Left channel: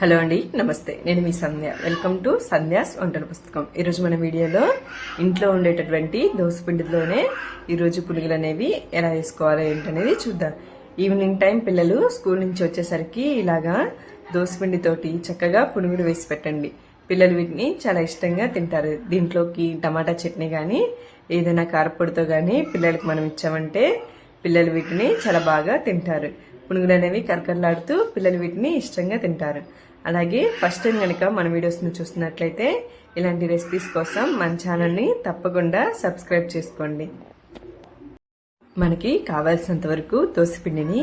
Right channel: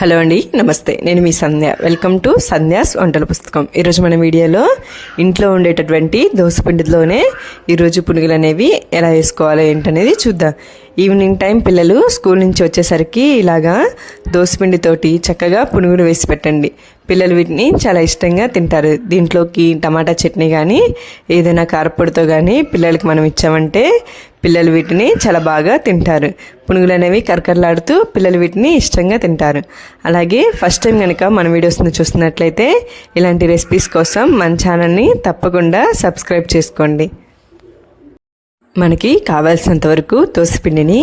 Hello అండి, నమస్తే. నేను మీ సంధ్య. వెల్కమ్ టు సంధ్యాస్ వంటల పుస్తకం. ఈరోజు మన వీడియోలో ఇంట్లో ఉండేటటువంటి దోసపిండిలోనే ఈరోజు పునుగులు అనేవి ఎలా వేసుకోవాలో ఏంటనేది చూద్దాం. ఈవినింగ్ టైం పిల్లలు స్కూల్ నుంచి వచ్చేసరికి ఇలాగా దోసపిండితోటి చక్కగా పునుగులు వేసి పెట్టండి. పిల్లలు వీటిని చాలా ఇష్టంగా తింటారు. దీంట్లోకి టమాటా చట్నీ కానీ ఏదైనా కారపొడితో కానీ పిల్లలకి మనం ఇచ్చామంటే పిల్లలు వీటిని చాలా బాగా తింటారు. పునుగులు అనేవి కరకరలాడుతూ పిల్లలు వీటిని ఇష్టంగా తింటారు. అలాగే ఫస్ట్ టైం కనుక మన వీడియోస్ని చూస్తున్నట్లయితే ఇలాంటి రెసిపీస్ కోసం మన ఛానల్ని తప్పకుండా సబ్స్క్రైబ్ చేసుకోండి. మనకి కావాల్సినంత వరకు దోసపిండిని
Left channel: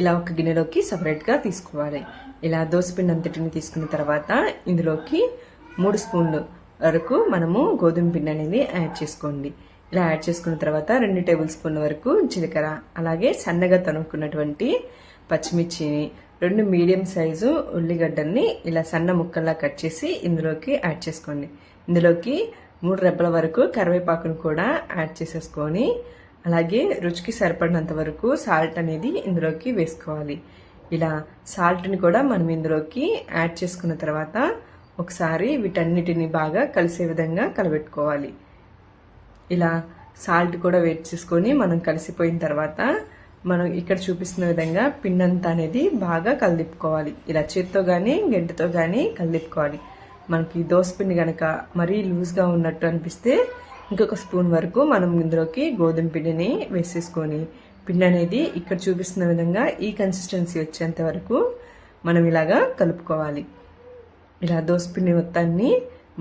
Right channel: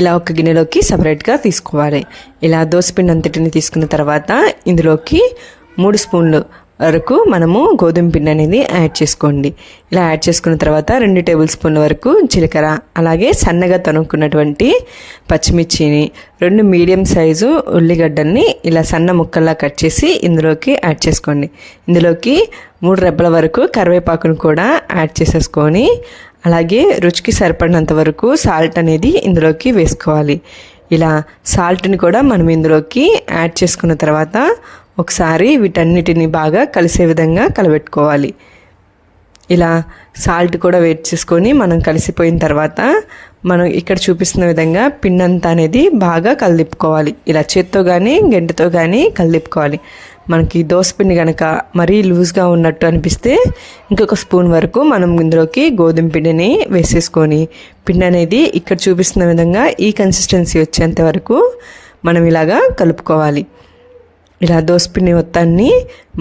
ఇలా ఒక గిన్నెలోకి సపరేట్గా తీసుకోవాలి. ఇలా దోసపిండి అంతటిని తీసుకున్న తర్వాత ఇందులోకి 3 స్పూన్లు వరకు మనము గోధుమ పిండి అనేది యాడ్ చేసుకోండి. ఇలా యాడ్ చేసుకున్న తర్వాత 2 టేబుల్ స్పూన్ల వరకు జీలకర్ర, అలాగే సన్నగా తనుక్కున్నటువంటి పచ్చిమిర్చిని, 2 మీడియం సైజు ఉల్లిగడ్డల్ని ఇలా సన్న ముక్కల్లా కట్ చేసి ఇందులోకి యాడ్ చేసుకోండి. ఇందులోకి 3 రెబ్బల వరకు కరివేపాకును కూడా యాడ్ చేసేసుకొని అలాగే రుచికి సరిపడినంత వరకు సాల్ట్ అనేది ఇందులోకి వేసుకోవాలి. ఇలా సాల్ట్ని కూడా మనం ఇందులోకి యాడ్ చేసుకున్న తర్వాత ఒకసారి వీటన్నిటిని బాగా కలిసే విధంగా కలబెట్టుకోవాలి. ఇలా సాల్ట్ కూడా వేట్ చేసుకొని మనం కలిసిపోయిన తర్వాత మనం ఇక్కడ చూపిస్తున్న విధంగా పిండంతా అనేది బాగా కలిదిప్పుకోవాలి. ఇలా చేత్తో కానీ గంటతో కానీ కలిదిప్పుకోవాలి. మనకి దోసపిండి కనుక మరీ లూజ్గా ఉన్నట్టు అనిపిస్తే ఇంకొక స్పూన్ వరకు మనం ఇందులోకి గోధుమ పిండిని వేసేసుకొని పిండి అనేది ఇక్కడ చూపిస్తున్న విధంగా ఈ కన్సిస్టెన్సీ వచ్చేంత వరకు మనం ఇలాగా కలుపుకోవాలి. ఇలా దోసపిండి మొత్తాన్ని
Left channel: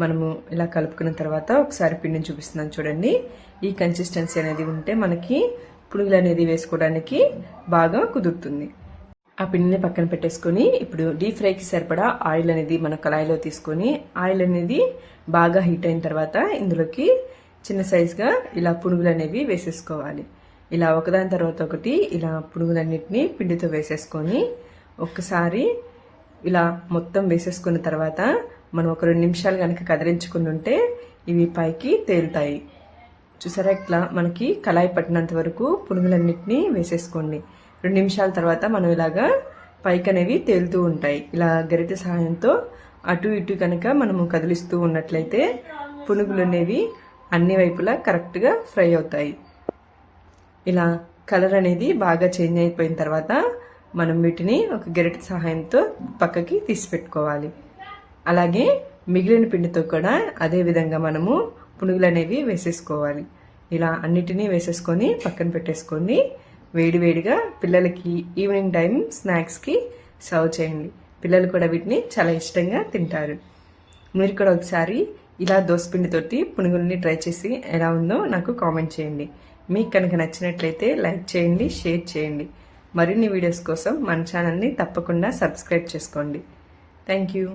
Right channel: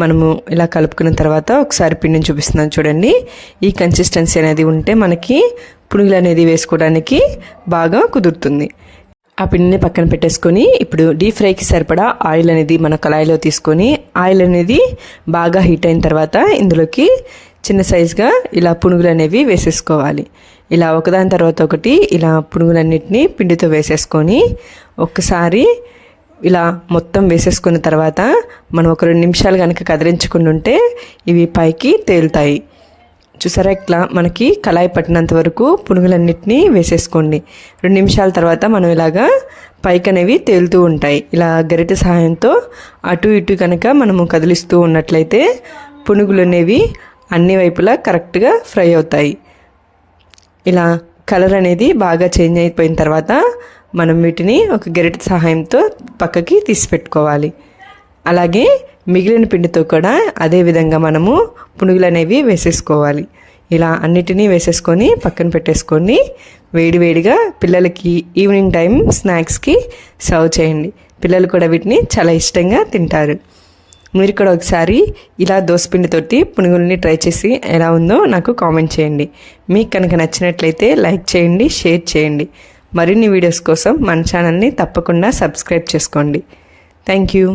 మనము ఇలా కలుపుకున్న తర్వాత ఒకసారి పిండిని చూపిస్తున్నాను చూడండి. ఈ కన్సిస్టెన్సీ అనేది ఉంటే మనకి పునుగులు అనేది వేసుకోవడానికి బాగా కుదురుతుంది. ఆ పిండిని పక్కన పెట్టేసుకొని ఇప్పుడు డీప్ ఫ్రైకి సరిపడా ఆయిల్ అనేది మన కళాయిలో తీసుకొని ఆయిల్ అనేది బాగా హీట్ అయిన తర్వాత ఇందులోకి చిన్న సైజుగా ఇలా పునుగులు అనేవి వేసేసుకోవాలి. ఇలా ఒకదాని తర్వాత ఒకటి ఇలా పునుగులన్నిటిని పిండితో వేసేసుకొని ఒక్కసారి ఇలా మొత్తం వేసేసుకున్న తర్వాత మనం ఒక 2 నిమిషాలు కనుక కదిలించుకుని ఉంటే ఇవి పైకి తేలుతాయి. చూసారా, ఇట్లా మనకి కళాయి పట్టినంత వరకు పునుగులన్నిటినీ వేసేసుకోండి. 2 నిమిషాల తర్వాత మనం ఇలాగా పైకి అనేవి తేలుతూ ఉంటాయి. ఇలా గరిటె సహాయంతో అటు ఇటు కనుక మనము కదిలిస్తూ ఉన్నట్లయితే పునుగులు అనేవి అన్ని వైపులా కరెక్ట్గా ఫ్రై అవుతాయి. ఇలా కలర్ అనేది బాగా చేంజ్ అయిపోయిన తర్వాత మనం వీటిని ఒక గరిటె సహాయంతో పక్కకి తీసి పెట్టుకోవాలి. అలాగే మిగిలిన పిండితో కూడా అదే విధంగా మనము పునుగులు అనేవి వేసేసుకోవాలి. ఇలా అన్నిటినీ వేసేసుకొని పక్కన పెట్టేసుకొని వేడివేడిగా పిల్లలకి ఈవినింగ్ టైం స్నాక్స్కి సర్వ్ చేయండి. పిల్లలు కూడా వీటిని చాలా ఇష్టంగా తింటారు. మీరు కూడా ఒకసారి ఇలా దోసపిండితోటి పునుగుల్ని ట్రై చేసి ఎలా ఉందో నాకు కామెంట్ చేయండి. మీకు కనుక నచ్చినట్లయితే లైక్ చేయండి, షేర్ చేయండి. మరిన్ని వీడియోస్ కోసం మన ఛానల్ని తప్పకుండా సబ్స్క్రైబ్ చేసుకోండి. Thank you.